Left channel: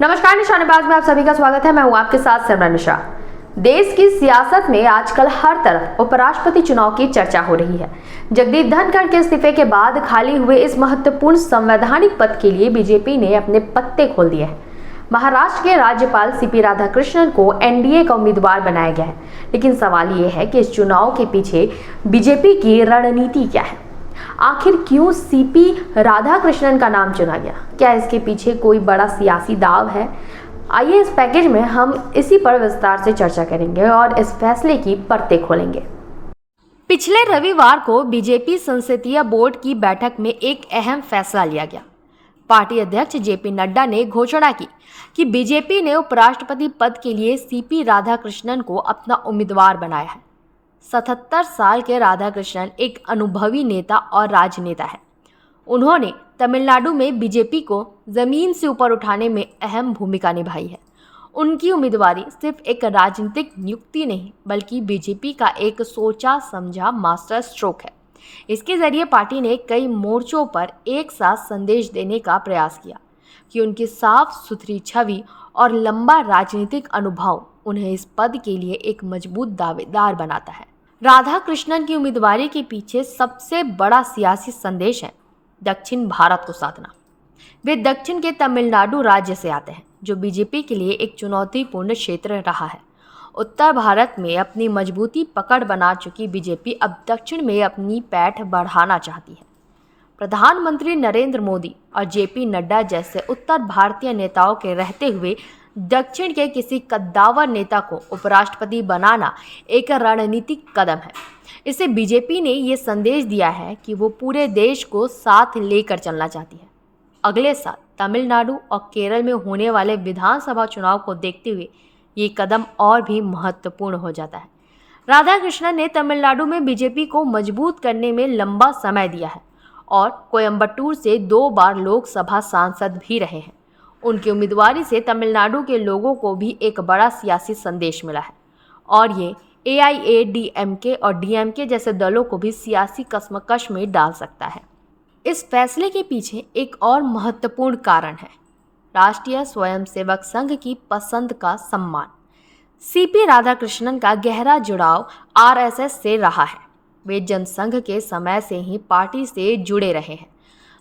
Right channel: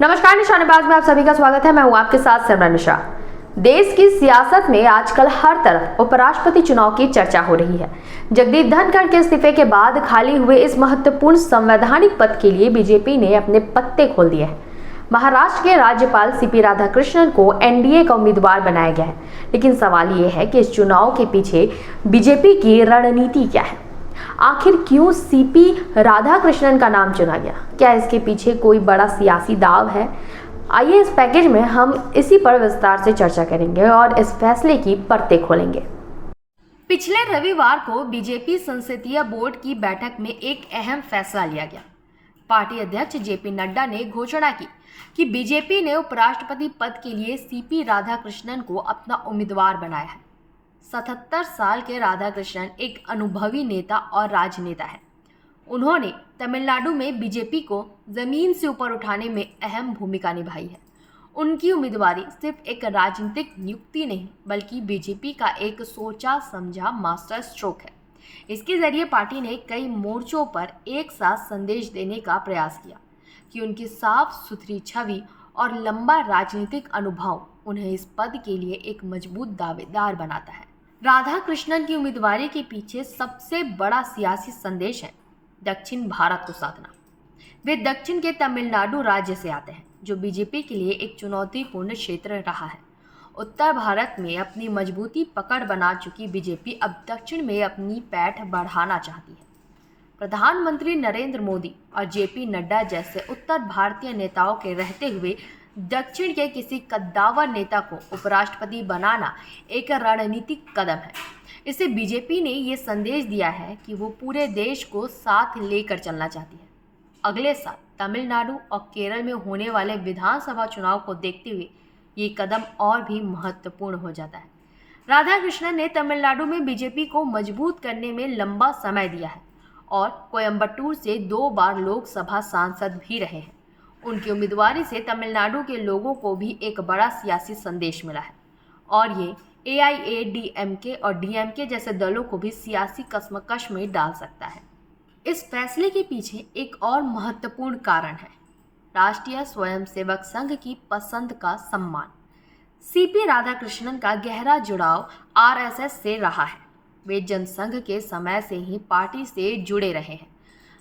नमस्कार, निशानेबाज में आप सभी का स्वागत है। मैं हूं आपके साथ सिमरन मिश्रा। देश की सियासत में आजकल हर तरफ उपराष्ट्रपति चुनाव की चर्चा हो रही है। जगदीप धनखड़ के इस्तीफे के बाद खाली हुए इस महत्वपूर्ण संवैधानिक पद के लिए बीजेपी ने अपने पत्ते खोल दिए हैं। महाराष्ट्र के राज्यपाल सीपी राधाकृष्णन को एनडीए का उम्मीदवार बनाया गया है, लेकिन सवाल ये है कि इस चुनाव के पीछे बीजेपी की रणनीति क्या है। आखिर क्यों सीपी राधाकृष्णन का नाम चुना गया? क्या इसके पीछे कोई बड़ा सियासी दाव है? आइए इस पैकेज में हम इसी पर विस्तार से चर्चा करेंगे और इस फैसले की परतें खोलेंगे। पिछले रविवार को बीजेपी संसदीय बोर्ड की बैठक में एक अहम फैसला लिया गया। पार्टी अध्यक्ष जेपी नड्डा ने घोषणा की कि बीजेपी ने उपराष्ट्रपति पद के लिए सीपी राधाकृष्णन को अपना उम्मीदवार बनाया है। 77 साल के राधाकृष्णन एक अनुभवी नेता और राजनेता है। उन्होंने तमिलनाडु में बीजेपी को जमीन से ऊपर उठाने में अहम भूमिका निभाई है। उनकी उम्मीदवारी सिर्फ एक राजनीतिक नियुक्ति नहीं, बल्कि बीजेपी का एक सोचा समझा मास्टर स्ट्रोक है। इसके जरिए पार्टी ने कई मोर्चों पर एक साथ संदेश देने का प्रयास किया कि उनकी साफ सुथरी छवि और लंबा राजनीतिक अनुभव उन्हें इस पद के लिए एक मजबूत दावेदार बनाता है। राधाकृष्णन की उम्मीदवारी के पीछे सबसे बड़ा सियासी संदेश है दक्षिण भारत को साधना। वे दक्षिण के तमिलनाडु राज्य से आते हैं, जो बीजेपी के लिए एक चुनौतीपूर्ण क्षेत्र रहा है। उत्तर भारत में अपनी मजबूती पकड़ बना चुकी बीजेपी अब दक्षिण में अपनी पैठ बढ़ाना चाहती है। प्रधानमंत्री नरेंद्र मोदी और जेपी नड्डा जैसे उत्तर भारतीय नेताओं के रहते हुए दक्षिण के किसी कद्दावर नेता को उपराष्ट्रपति बनाना एक रणनीतिक कदम है। इससे बीजेपी ने ये संदेश दिया है कि वो पूरे देश को साथ लेकर चलना चाहती है। अगले साल तमिलनाडु और केरल में होने वाले विधानसभा चुनाव को देखते हुए ये कदम और भी महत्वपूर्ण हो जाता है। राधाकृष्णन ने तमिलनाडु में बीजेपी को मजबूत करने में लंबा समय दिया है और कोयम्बटूर से 2 बार लोकसभा सांसद भी रहे हैं। उनकी उम्मीदवारी से तमिलनाडु के लोगों को भी एक बड़ा सियासी संदेश मिला है और ये एआईएडीएमके और डीएमके जैसे दलों को भी सियासी कश्मकश में डाल सकता है। इस फैसले के पीछे एक और महत्वपूर्ण कारण है राष्ट्रीय स्वयंसेवक संघ की पसंद का सम्मान। सीपी राधाकृष्णन का गहरा जुड़ाव आरएसएस से रहा है। वे जनसंघ के समय से ही पार्टी से जुड़े रहे हैं।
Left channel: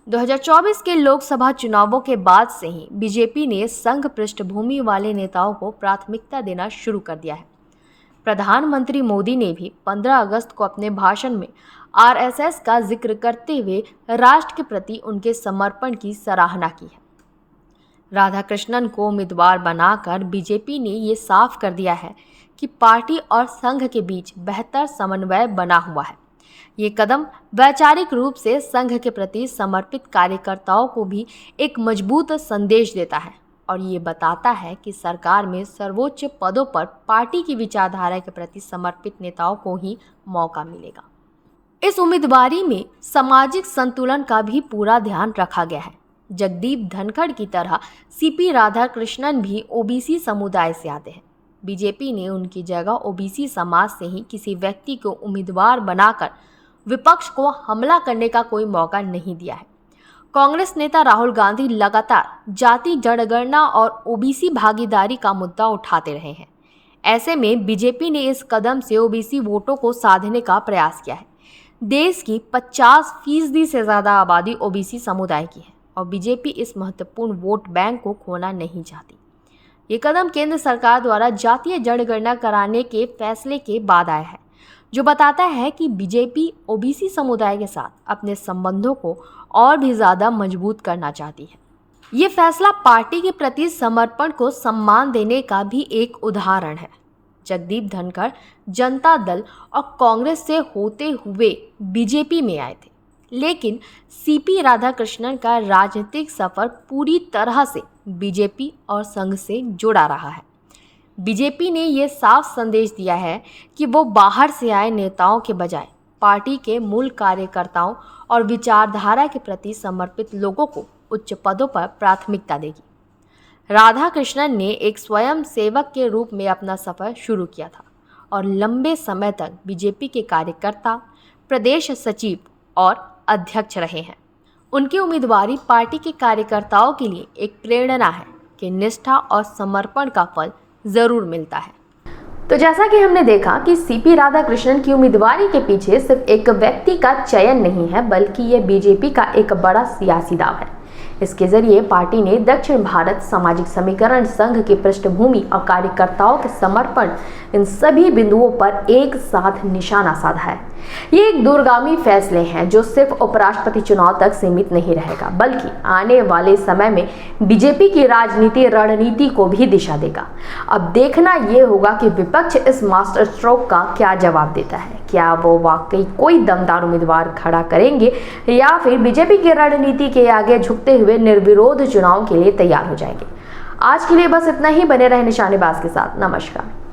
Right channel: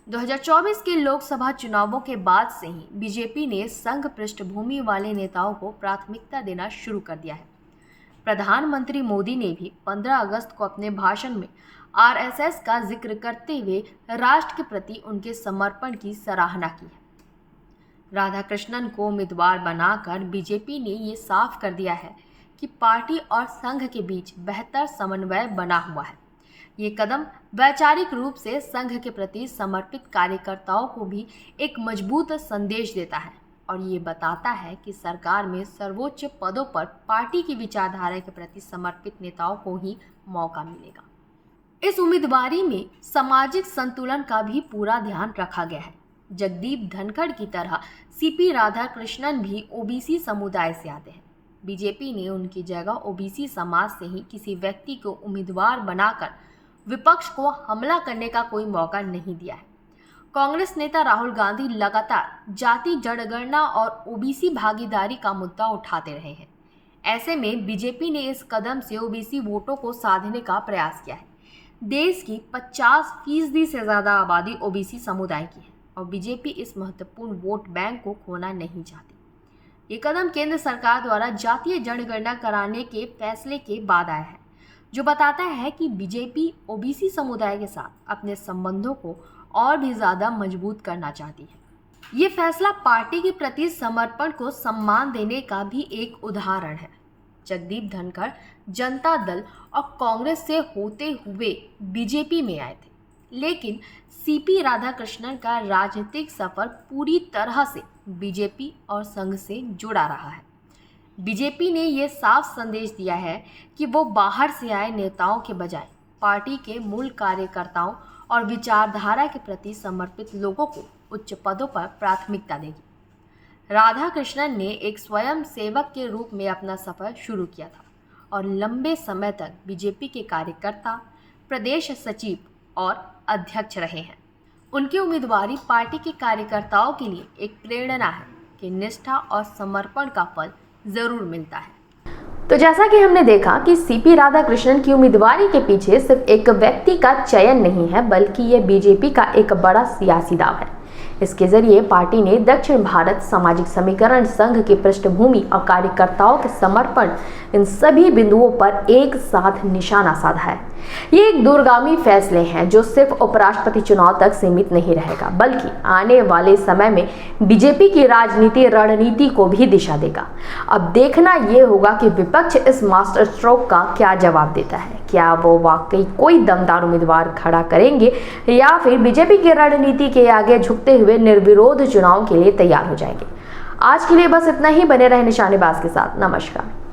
2024 के लोकसभा चुनावों के बाद से ही बीजेपी ने संघ पृष्ठभूमि वाले नेताओं को प्राथमिकता देना शुरू कर दिया है। प्रधानमंत्री मोदी ने भी 15 अगस्त को अपने भाषण में आरएसएस का जिक्र करते हुए राष्ट्र के प्रति उनके समर्पण की सराहना की है। राधाकृष्णन को उम्मीदवार बनाकर बीजेपी ने ये साफ कर दिया है कि पार्टी और संघ के बीच बेहतर समन्वय बना हुआ है। ये कदम वैचारिक रूप से संघ के प्रति समर्पित कार्यकर्ताओं को भी एक मजबूत संदेश देता है और ये बताता है कि सरकार में सर्वोच्च पदों पर पार्टी की विचारधारा के प्रति समर्पित नेताओं को ही मौका मिलेगा। इस उम्मीदवारी में सामाजिक संतुलन का भी पूरा ध्यान रखा गया है। जगदीप धनखड़ की तरह सीपी राधाकृष्णन भी ओबीसी समुदाय से आते हैं। बीजेपी ने उनकी जगह ओबीसी समाज से ही किसी व्यक्ति को उम्मीदवार बनाकर विपक्ष को हमला करने का कोई मौका नहीं दिया है। कांग्रेस नेता राहुल गांधी लगातार जाति जनगणना और ओबीसी भागीदारी का मुद्दा उठाते रहे हैं। ऐसे में बीजेपी ने इस कदम से ओबीसी वोटों को साधने का प्रयास किया है। देश की 50% से ज़्यादा आबादी ओबीसी समुदाय की है और बीजेपी इस महत्वपूर्ण वोट बैंक को खोना नहीं चाहती। ये कदम केंद्र सरकार द्वारा जातीय जनगणना कराने के फैसले के बाद आया है, जो बताता है कि बीजेपी ओबीसी समुदाय के साथ अपने संबंधों को और भी ज़्यादा मजबूत करना चाहती है। ये फैसला पार्टी के प्रति समर्पण को सम्मान देने का भी एक उदाहरण है। जगदीप धनखड़ जनता दल और कांग्रेस से होते हुए बीजेपी में आए थे, लेकिन सीपी राधाकृष्णन का राजनीतिक सफर पूरी तरह से बीजेपी और संघ से जुड़ा रहा है। बीजेपी ने ये साफ संदेश दिया है कि वो बाहर से आए नेताओं के बजाय पार्टी के मूल कार्यकर्ताओं और विचारधारा के प्रति समर्पित लोगों को उच्च पदों पर प्राथमिकता देगी। राधाकृष्णन ने एक स्वयं सेवक के रूप में अपना सफर शुरू किया था और लंबे समय तक बीजेपी के कार्यकर्ता, प्रदेश सचिव और अध्यक्ष रहे हैं। उनकी उम्मीदवारी पार्टी के कार्यकर्ताओं के लिए एक प्रेरणा है। कि निष्ठा और समर्पण का फल जरूर मिलता है। तो जैसा कि हमने देखा कि सीपी राधाकृष्णन की उम्मीदवारी के पीछे सिर्फ एक व्यक्ति का चयन नहीं है, बल्कि ये बीजेपी का एक बड़ा सियासी दाव है। इसके जरिए पार्टी ने दक्षिण भारत सामाजिक समीकरण संघ की पृष्ठभूमि और कार्यकर्ताओं के समर्पण, इन सभी बिंदुओं पर एक साथ निशाना साधा है। ये एक दूरगामी फैसले हैं जो सिर्फ उपराष्ट्रपति चुनाव तक सीमित नहीं रहेगा, बल्कि आने वाले समय में बीजेपी की राजनीति रणनीति को भी दिशा देगा। अब देखना यह होगा कि विपक्ष इस मास्टर स्ट्रोक का क्या जवाब देता है। क्या वो वाकई कोई दमदार उम्मीदवार खड़ा करेंगे या फिर बीजेपी की रणनीति के आगे झुकते हुए निर्विरोध चुनाव के लिए तैयार हो जाएंगे। आज के लिए बस इतना ही। बने रहे निशानेबाज के साथ। नमस्कार।